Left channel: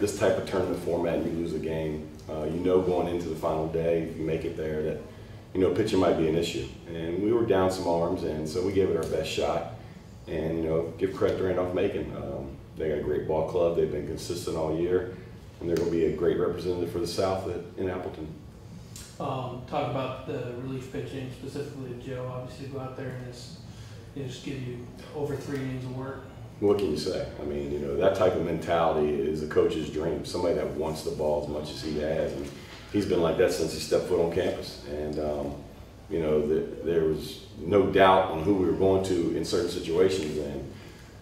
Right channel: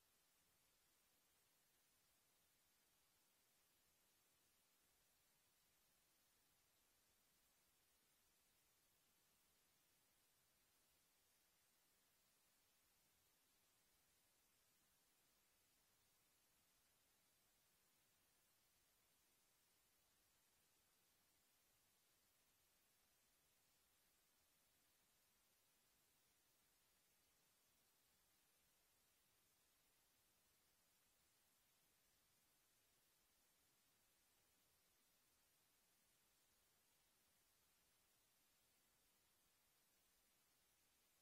this type of tournament format and you lose a game, you know going into the final day, if you make it there, that pitching might be an issue. And we were down some arms, and so we gave it our best shot. And give credit to Randolph-Macon. They got a great ball club. They've been consistent all year, and they're going to be a great representative for the South in Appleton. Talk about the relief pitching, specifically Joe. Obviously, go out there and just give you over 3 innings of work. What can you say? I mean, that type of mentality is a coach's dream. Somebody that wants the ball as much as he has, and he's been like that since he stepped foot on campus. And there was no doubt on who we were going to in certain situations. And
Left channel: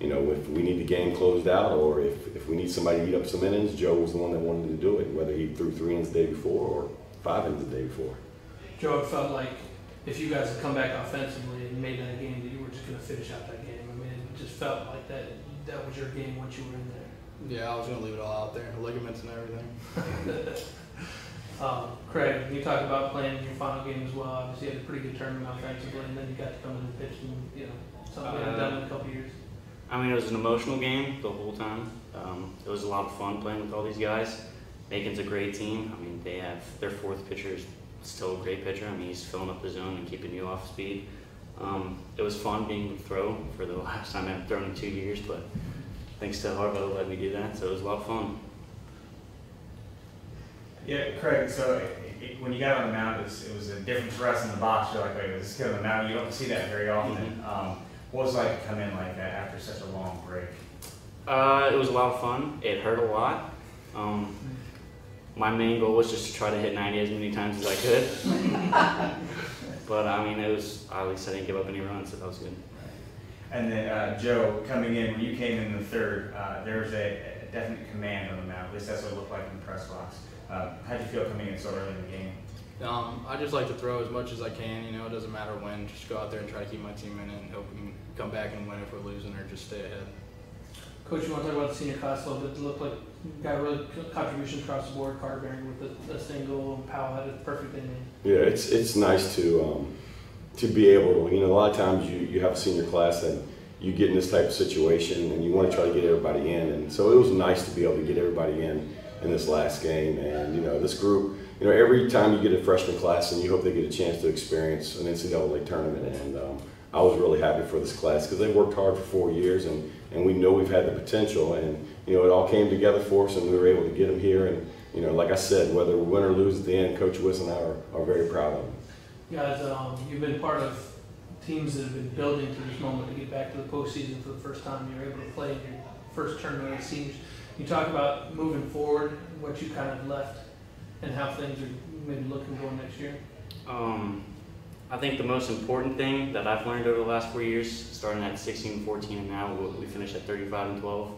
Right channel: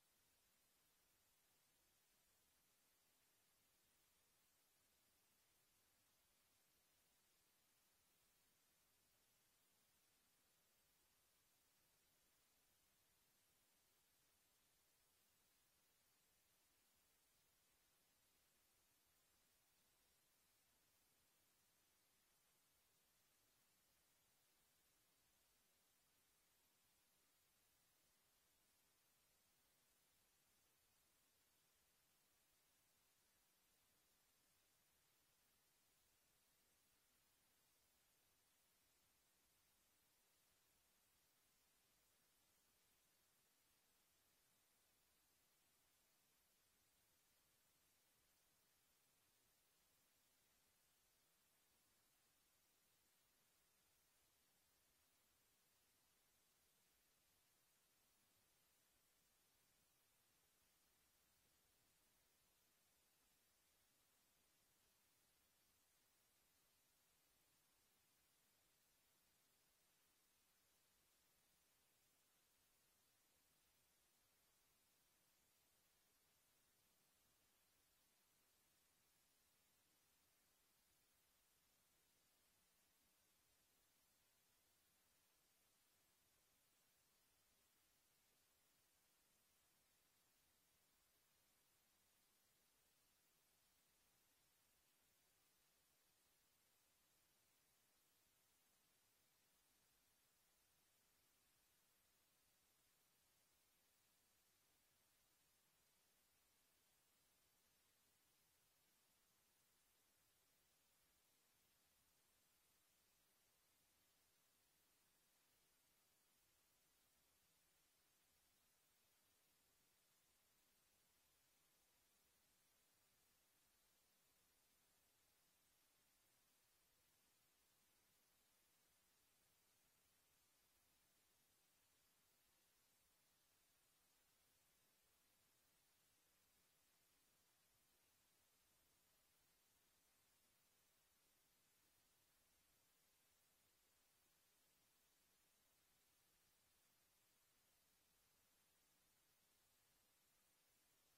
if we need the game closed out, or if we need somebody to eat up some innings, Joe was the one that wanted to do it. Whether he threw 3 innings the day before or 5 innings the day before. Joe, it felt like if you guys had come back offensively and made that a game, that you were just going to finish out that game. I mean, it just felt like that was your game once you were in there. Yeah, I was going to leave it all out there, ligaments and everything. Craig, you talked about playing in your final game as well. Obviously, you had a pretty good tournament offensively, and then you got to come in and pitch, and something we haven't done in a couple years. I mean, it was an emotional game the whole time. It was a lot of fun playing with all these guys. Macon's a great team. I mean, they have their 4th pitcher is still a great pitcher. I mean, he's filling up the zone and keeping you off speed. It was fun being throw for the last time I've thrown in 2 years, but thanks to Harbaugh let me do that, so it was a lot of fun. Yeah, Craig, so when you got on the mound, it was a different for us in the box. You're like, wait, this is on the mound. You don't see that very often. What was it like to come in like that after such a long break? It was a lot of fun. It hurt a lot. My main goal was just to try to hit 90 as many times as I could. But I mean, at least I didn't give up any runs, so that was good. And then Joe, coming in, when you came in the 3rd, there was a definite command on the mound. At least that's what it looked like in the press box. How'd you feel coming in so early in the game? I just like to throw as much as I can. It doesn't matter when. Just go out there and try to keep my team in it and hope we can come back and win if we're losing, or just stay ahead. Coach, you want to talk about the senior class a little bit? It looked like you got really contributions across the board. Carter Bearing with the single, and Powell had a perfect inning. Yeah, it's nice to be able to. A lot of times you have a senior class and you get in this type of situation and you want to try to get everybody in, and so it was nice to be able to get everybody in this last game. And this group, every time you get a freshman class and you hope they get a chance to experience an NCAA tournament, and I was really happy for this class because they worked hard for 4 years, and we know we've had the potential, and it all came together for us, and we were able to get them here. And like I said, whether we win or lose at the end, Coach Wiss and I are very proud of them. Guys, you've been part of teams that have been building to this moment to get back to the postseason for the first time. You're able to play in your first tournament as seniors. You talk about moving forward, what you kind of left, and how things are maybe looking going next year. I think the most important thing that I've learned over the last 4 years, starting at 16-14 and now we finished at 35-12,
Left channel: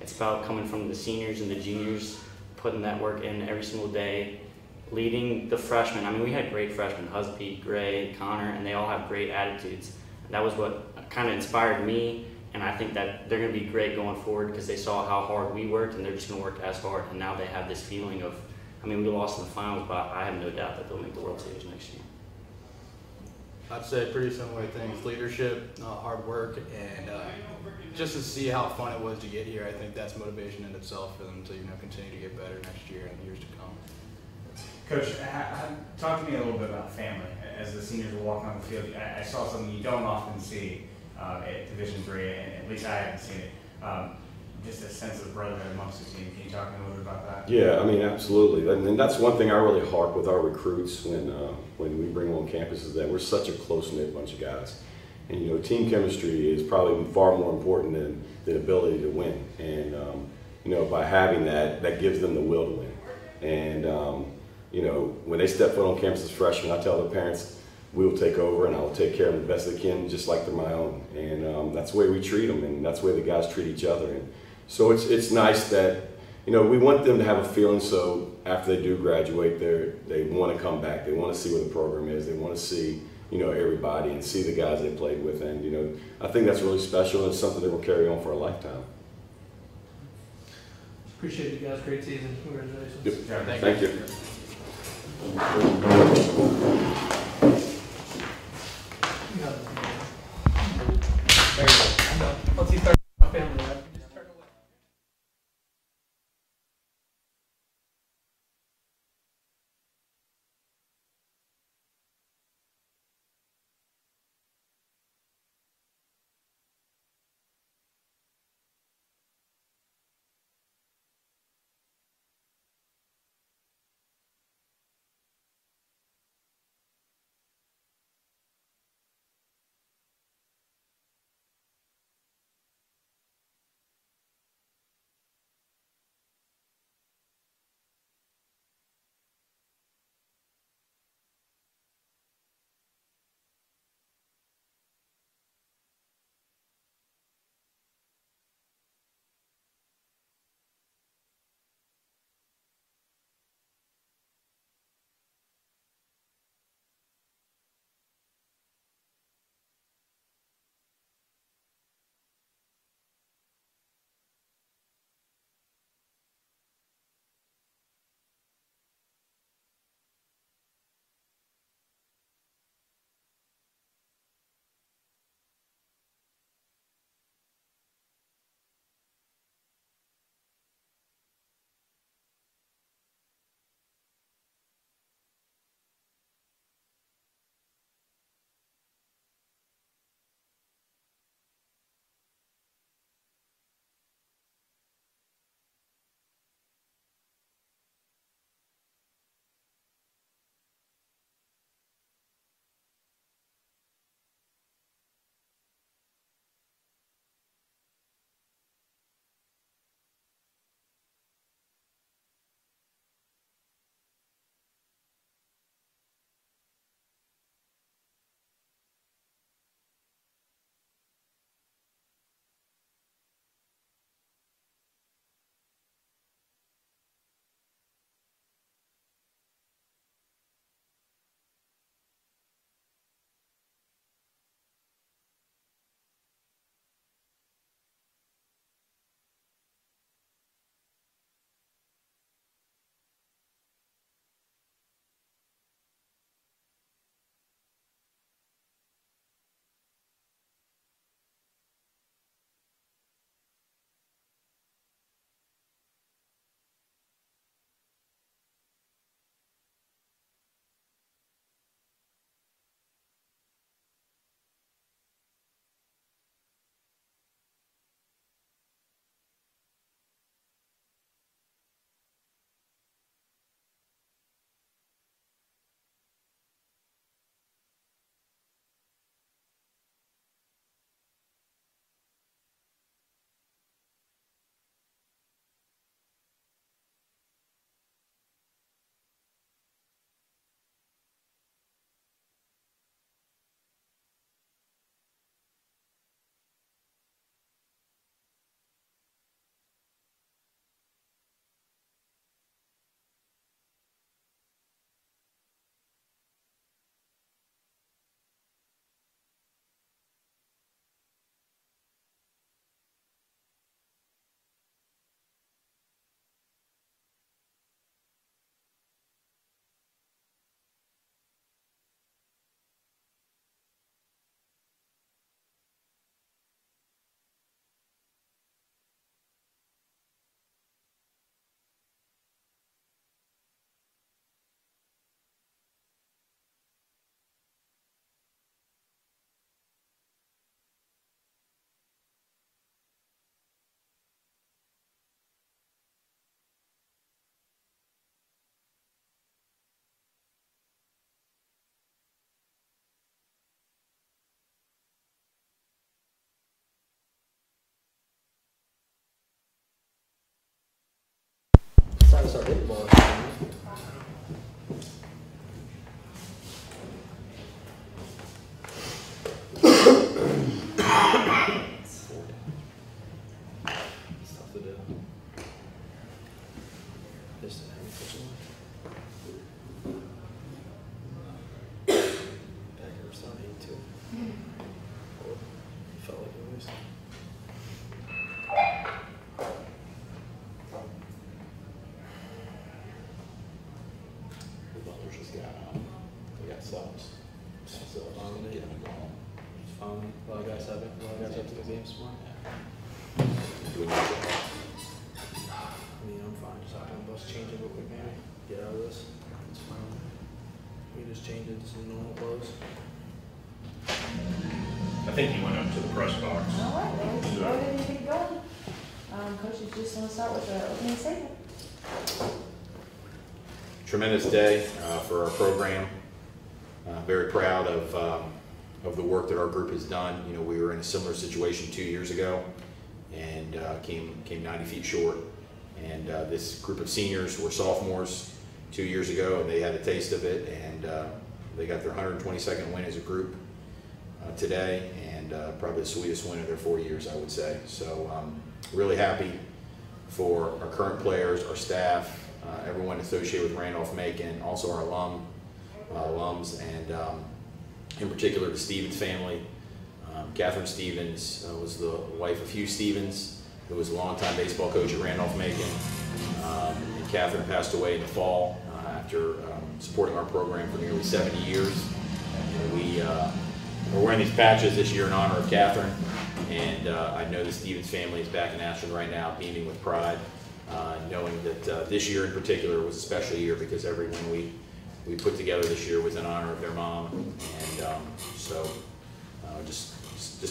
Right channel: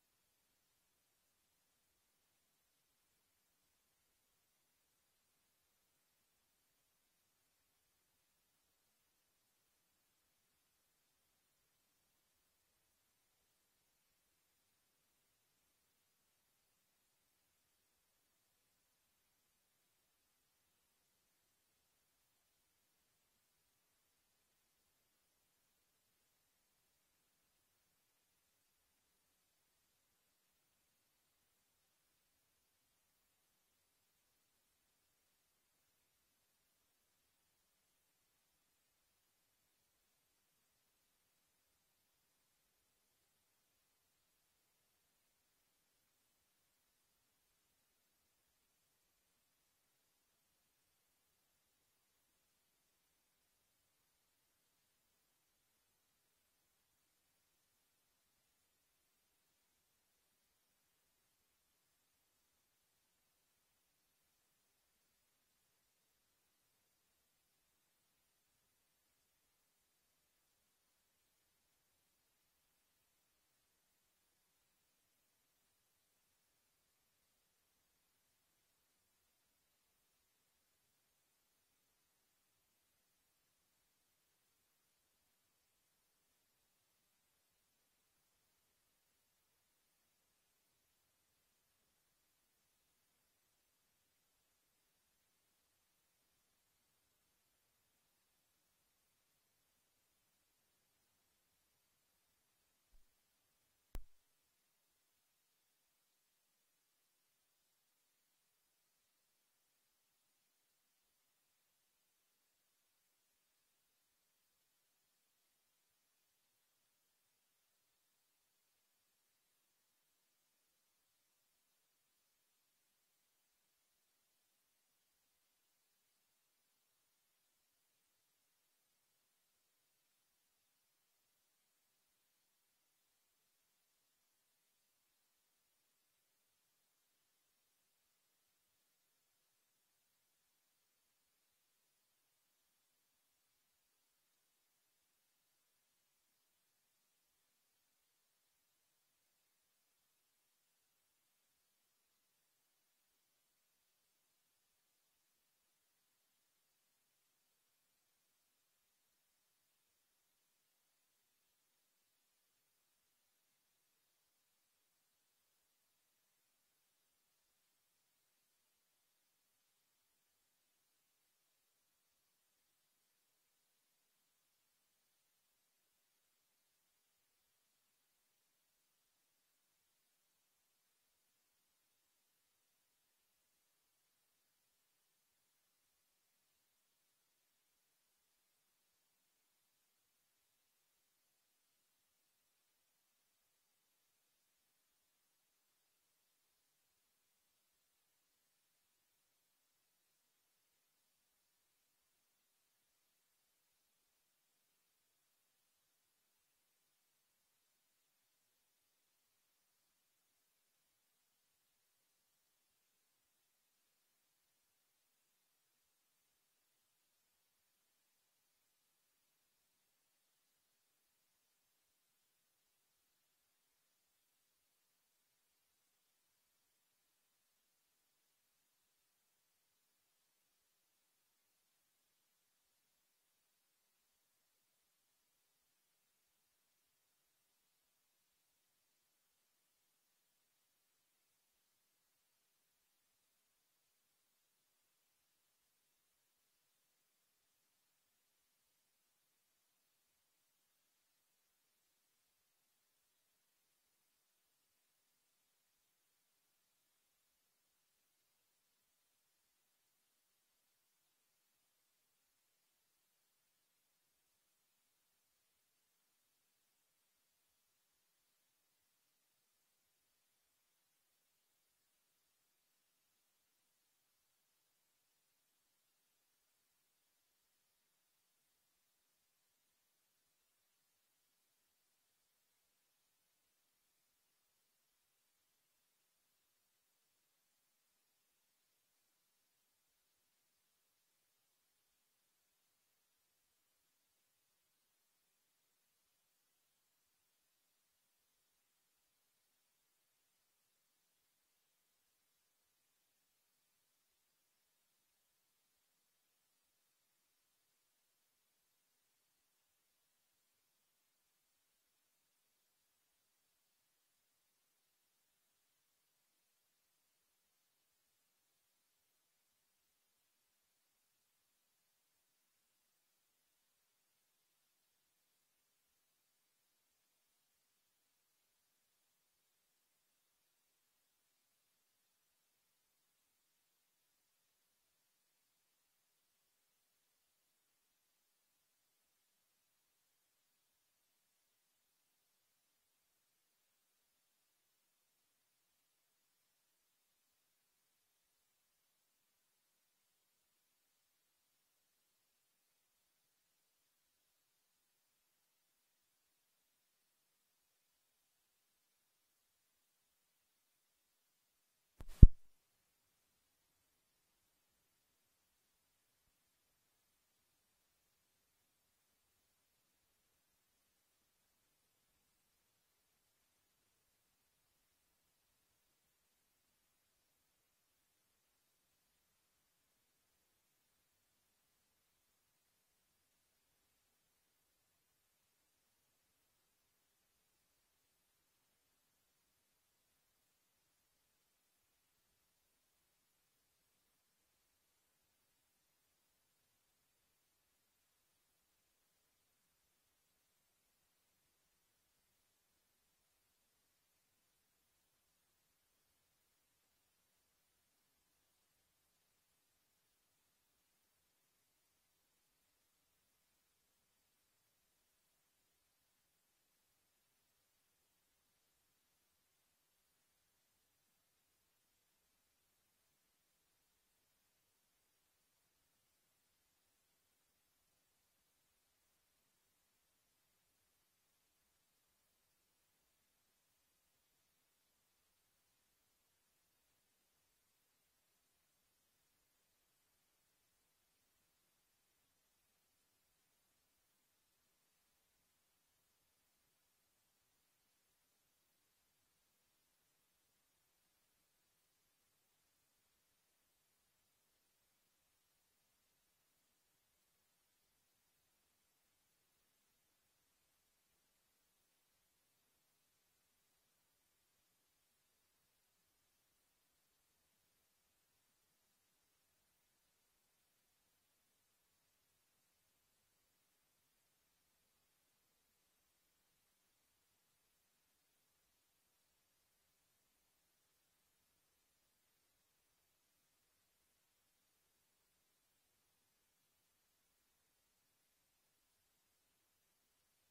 it's about coming from the seniors and the juniors, putting that work in every single day, leading the freshmen. I mean, we had great freshmen, Husby, Gray, Connor, and they all have great attitudes. That was what kind of inspired me, and I think that they're going to be great going forward because they saw how hard we worked, and they're just going to work as hard, and now they have this feeling of, I mean, we lost in the finals, but I have no doubt that they'll make the World Series next year. I'd say pretty similar things: leadership, hard work, and just to see how fun it was to get here. I think that's motivation in itself for them to continue to get better next year and years to come. Coach, talk to me a little bit about family. As the seniors were walking on the field, I saw something you don't often see at Division III, and at least I haven't seen it. Just a sense of brotherhood amongst the team. Can you talk to me a little bit about that? Yeah, I mean, absolutely. And that's one thing I really harp with our recruits when we bring them on campus, is that we're such a close-knit bunch of guys. And, team chemistry is probably far more important than the ability to win. And, by having that, that gives them the will to win. And, when they step foot on campus as freshmen, I tell their parents, we'll take over and I'll take care of them the best they can, just like they're my own. And that's the way we treat them, and that's the way the guys treat each other. And so it's nice that, we want them to have a feeling so after they do graduate, they want to come back. They want to see what the program is. They want to see, everybody and see the guys they played with. And, I think that's really special, and it's something that will carry on for a lifetime. Appreciate you guys. Great season. Congratulations. Yep. Thank you. Once you start start hitting the ball. It's tough to do. Just having such a Packers starting 8-2. Felt like it was. The Butlers just got subs. So get them going. It's fun. A lot of guys have it. A lot of guys have to go games tomorrow. Do we need to- I mean, I'm fine. Just hop on the bus, change it real quick, maybe. Get out of this. It's fine. We just change it to some normal clothes. I think he went up to the press box. All right, well, let's go ahead and get going. Coaches, just want to start with the opening statement. Tremendous day for our program. Very proud of the work that our group has done. You know, we were in a similar situation 2 years ago and came 90 feet short. And this group of seniors were sophomores 2 years ago, and they had a taste of it, and they got their 122nd win as a group today, and probably the sweetest win of their 4 years, I would say. So really happy for our current players, our staff, everyone associated with Randolph-Macon, also our alums, and in particular the Stevens family. Catherine Stevens was the wife of Hugh Stevens, who was a longtime baseball coach at Randolph-Macon. And Catherine passed away in the fall after supporting our program for nearly 70 years. And we're wearing these patches this year in honor of Catherine, and I know the Stevens family is back in Ashland right now, beaming with pride, knowing that this year in particular was a special year because everyone we put together this year was in honor of their mom, and so just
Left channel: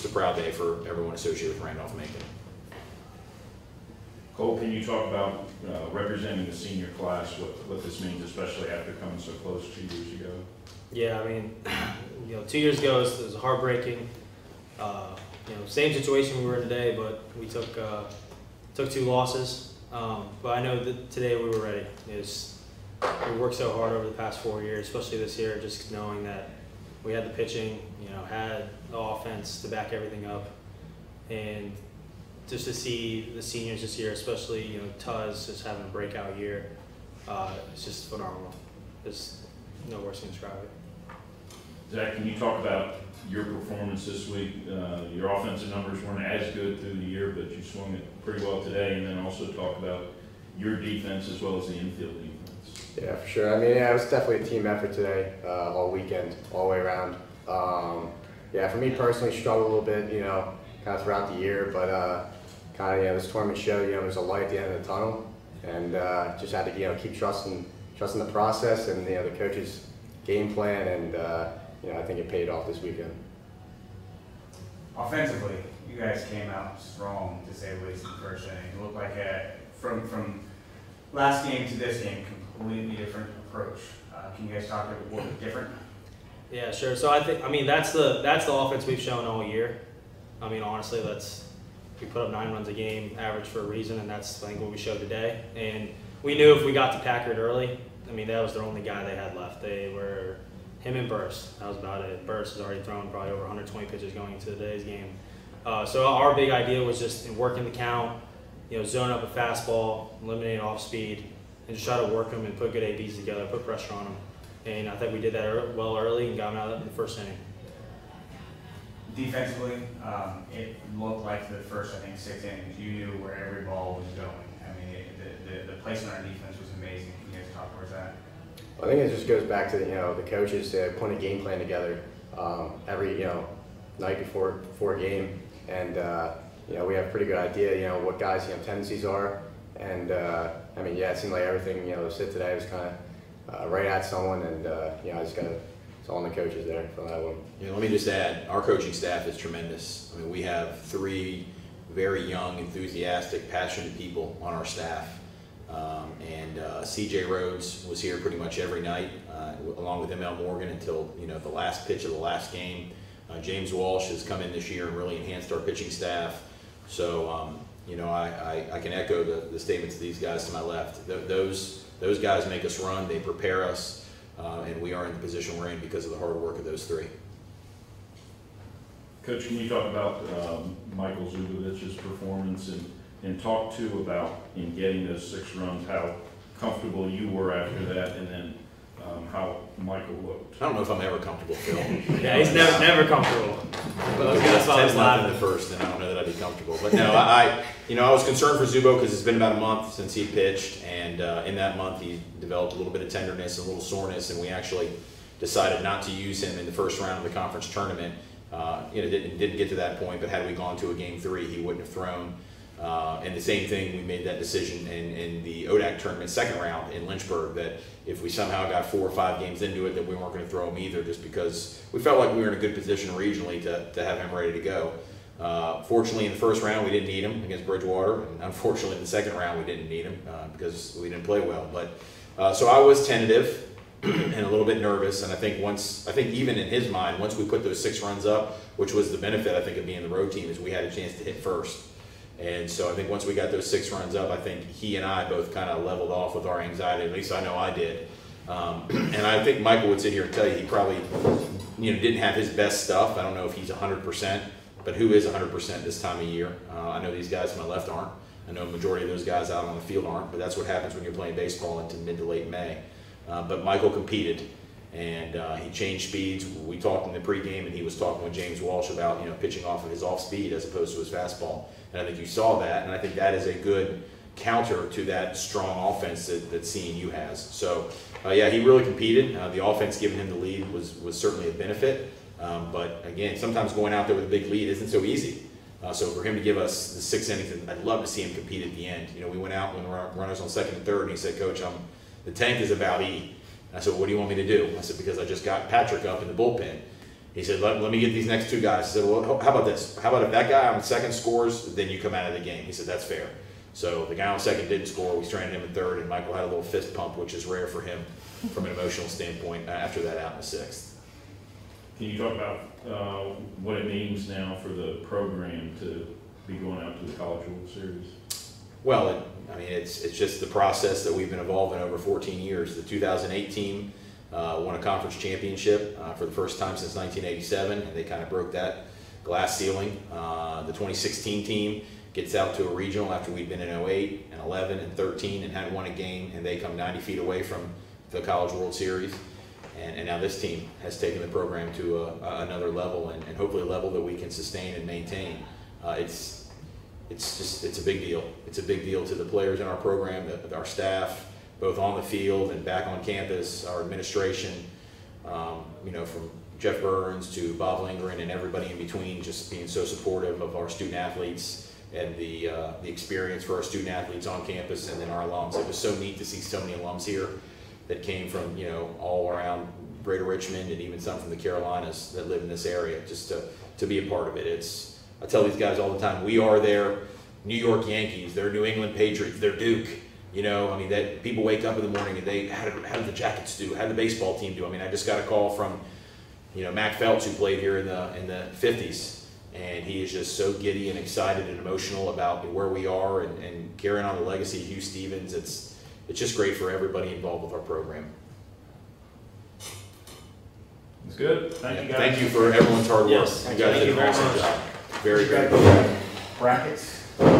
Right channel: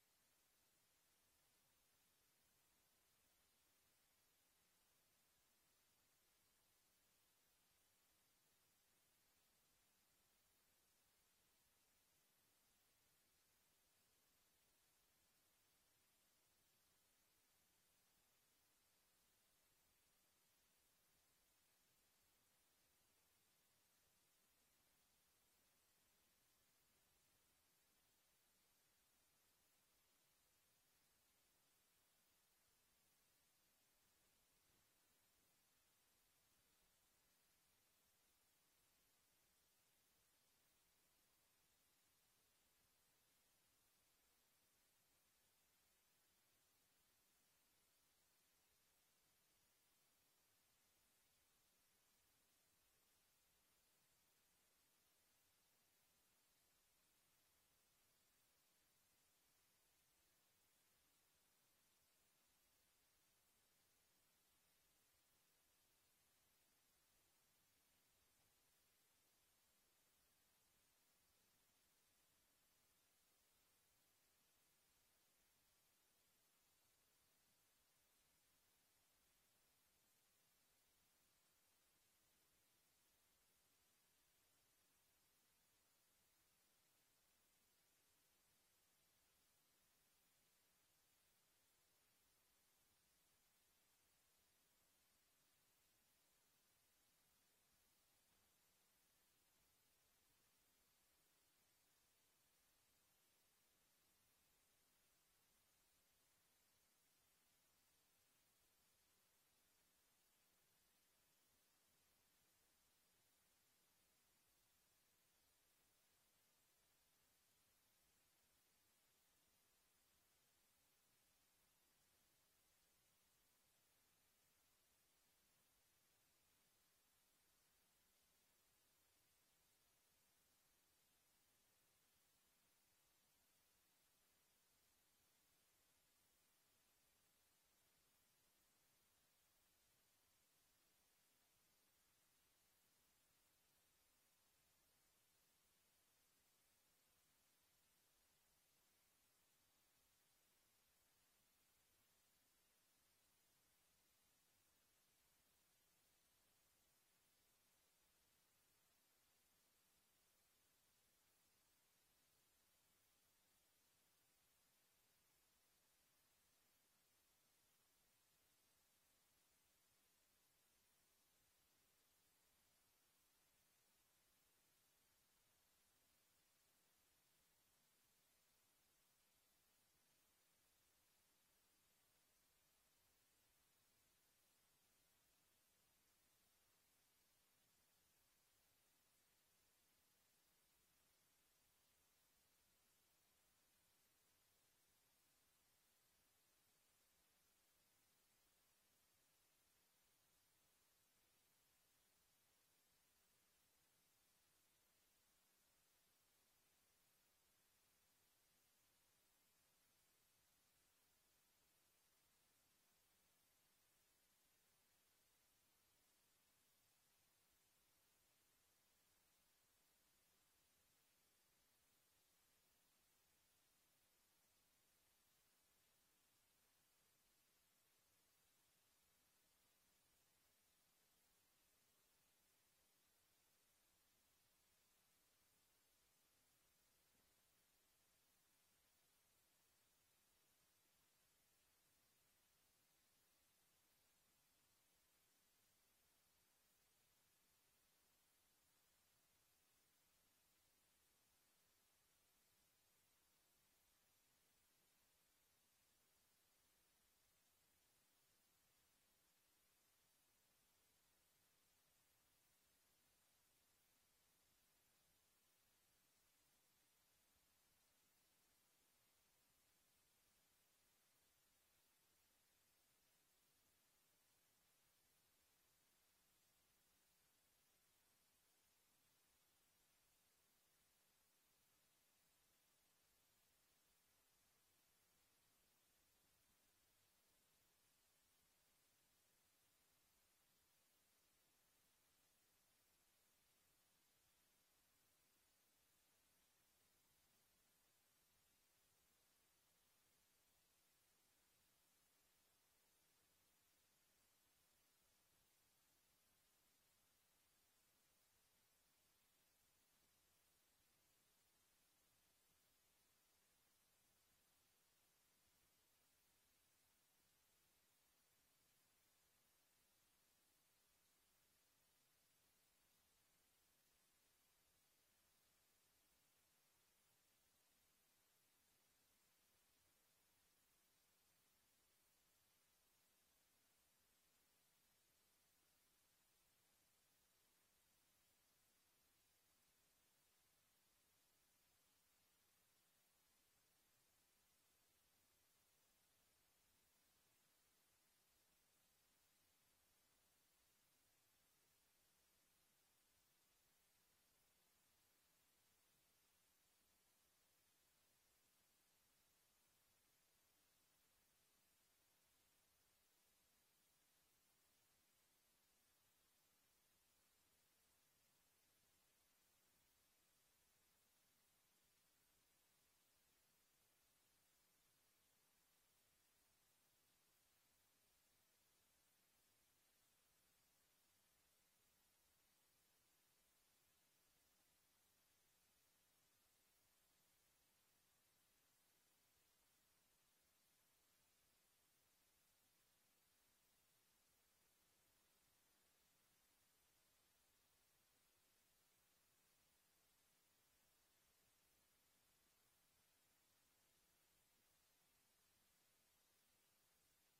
a proud day for everyone associated with Randolph-Macon. Cole, can you talk about representing the senior class, what this means, especially after coming so close 2 years ago? Yeah, I mean, 2 years ago it was heartbreaking. Same situation we were in today, but we took 2 losses. But I know that today we were ready. We worked so hard over the past 4 years, especially this year, just knowing that we had the pitching, had the offense to back everything up, and just to see the seniors this year, especially Tuz just having a breakout year, it's just phenomenal. There's no words to describe it. Zach, can you talk about your performance this week? Your offensive numbers weren't as good through the year, but you swung it pretty well today, and then also talk about your defense as well as the infield defense. Yeah, for sure. I mean, it was definitely a team effort today, all weekend, all the way around. For me personally, struggled a little bit, kind of throughout the year, but this tournament showed, there's a light at the end of the tunnel, and just had to, keep trusting the process and the coach's game plan, and I think it paid off this weekend. Offensively, you guys came out strong, to say the least, in the first inning. It looked like from last game to this game, completely different approach. Can you guys talk about what was different? Yeah, sure. So that's the offense we've shown all year. I mean, honestly, we put up 9 runs a game, average for a reason, and that's I think what we showed today. And we knew if we got to Packard early, that was their only guy they had left. They were him and Burse. That was about it. Burse has already thrown probably over 120 pitches going into today's game. So our big idea was just working the count, zone up a fastball, eliminate off speed, and just try to work them and put good ABs together, put pressure on them. And I think we did that well early and got them out of the first inning. Defensively, it looked like the first, 6 innings, you knew where every ball was going. I mean, the placement on defense was amazing. Can you guys talk towards that? I think it just goes back to the coaches putting a game plan together every night before a game, and we have a pretty good idea what guys tendencies are, and it seemed like everything said today was kind of right at someone, and I just got it's all on the coaches there for that one. Let me just add, our coaching staff is tremendous. I mean, we have 3 very young, enthusiastic, passionate people on our staff. CJ Rhodes was here pretty much every night, along with ML Morgan until the last pitch of the last game. James Walsh has come in this year and really enhanced our pitching staff. So you know, I can echo the statements of these guys to my left. Those guys make us run, they prepare us, and we are in the position we're in because of the hard work of those three. Coach, can you talk about Michael Zubovich's performance and talk too about in getting those 6 runs, how comfortable you were after that, and then how Michael looked? I don't know if I'm ever comfortable, Phil. Yeah, he's never comfortable. But that's why I was 10-0 laughing. in the first, and I don't know that I'd be comfortable. But no, I was concerned for Zubo because it's been about a month since he pitched, and in that month he developed a little bit of tenderness, a little soreness, and we actually decided not to use him in the first round of the conference tournament. Didn't get to that point, but had we gone to a game 3, he wouldn't have thrown. And the same thing, we made that decision in the ODAC tournament second round in Lynchburg, that if we somehow got 4 or 5 games into it, that we weren't going to throw him either, just because we felt like we were in a good position regionally to have him ready to go. Fortunately, in the first round, we didn't need him against Bridgewater, and unfortunately, in the second round, we didn't need him because we didn't play well. But so I was tentative and a little bit nervous, and I think even in his mind, once we put those 6 runs up, which was the benefit I think of being the road team, is we had a chance to hit first. And so I think once we got those 6 runs up, I think he and I both kind of leveled off with our anxiety. At least I know I did. And I think Michael would sit here and tell you he probably didn't have his best stuff. I don't know if he's 100%, but who is 100% this time of year? I know these guys to my left aren't. I know a majority of those guys out on the field aren't, but that's what happens when you're playing baseball into mid to late May. But Michael competed, and he changed speeds. We talked in the pregame, and he was talking with James Walsh about pitching off of his off speed as opposed to his fastball. And I think you saw that, and I think that is a good counter to that strong offense that CNU has. So, yeah, he really competed. The offense giving him the lead was certainly a benefit. But again, sometimes going out there with a big lead isn't so easy. So for him to give us the 6 innings, I'd love to see him compete at the end. We went out when we were runners on second and third, and he said, "Coach, the 10th is about E." I said, "What do you want me to do?" I said, "Because I just got Patrick up in the bullpen." He said, let me get these next 2 guys. I said, "Well, how about this? How about if that guy on second scores, then you come out of the game?" He said, "That's fair." So the guy on second didn't score. We stranded him in third, and Michael had a little fist pump, which is rare for him from an emotional standpoint after that out in the 6th. Can you talk about what it means now for the program to be going out to the College World Series? Well, it's just the process that we've been evolving over 14 years. The 2008 team won a conference championship for the first time since 1987, and they kind of broke that glass ceiling. The 2016 team gets out to a regional after we'd been in 08 and 11 and 13 and hadn't won a game, and they come 90 feet away from the College World Series. And now this team has taken the program to another level, and hopefully a level that we can sustain and maintain. It's a big deal. It's a big deal to the players in our program, our staff, both on the field and back on campus, our administration, from Jeff Burns to Bob Lindgren and everybody in between, just being so supportive of our student athletes and the experience for our student athletes on campus, and then our alums. It was so neat to see so many alums here that came from all around Greater Richmond, and even some from the Carolinas that live in this area, just to be a part of it. I tell these guys all the time, we are their New York Yankees, they're New England Patriots, they're Duke. That people wake up in the morning and how did the Jackets do? How did the baseball team do? I just got a call from Mac Phelps, who played here in the 50s, and he is just so giddy and excited and emotional about where we are and carrying on the legacy of Hugh Stevens. It's just great for everybody involved with our program. It's good. Thank you, guys. Thank you for everyone's hard work. Yes, You guys did an awesome job. Very, very good. Brackets.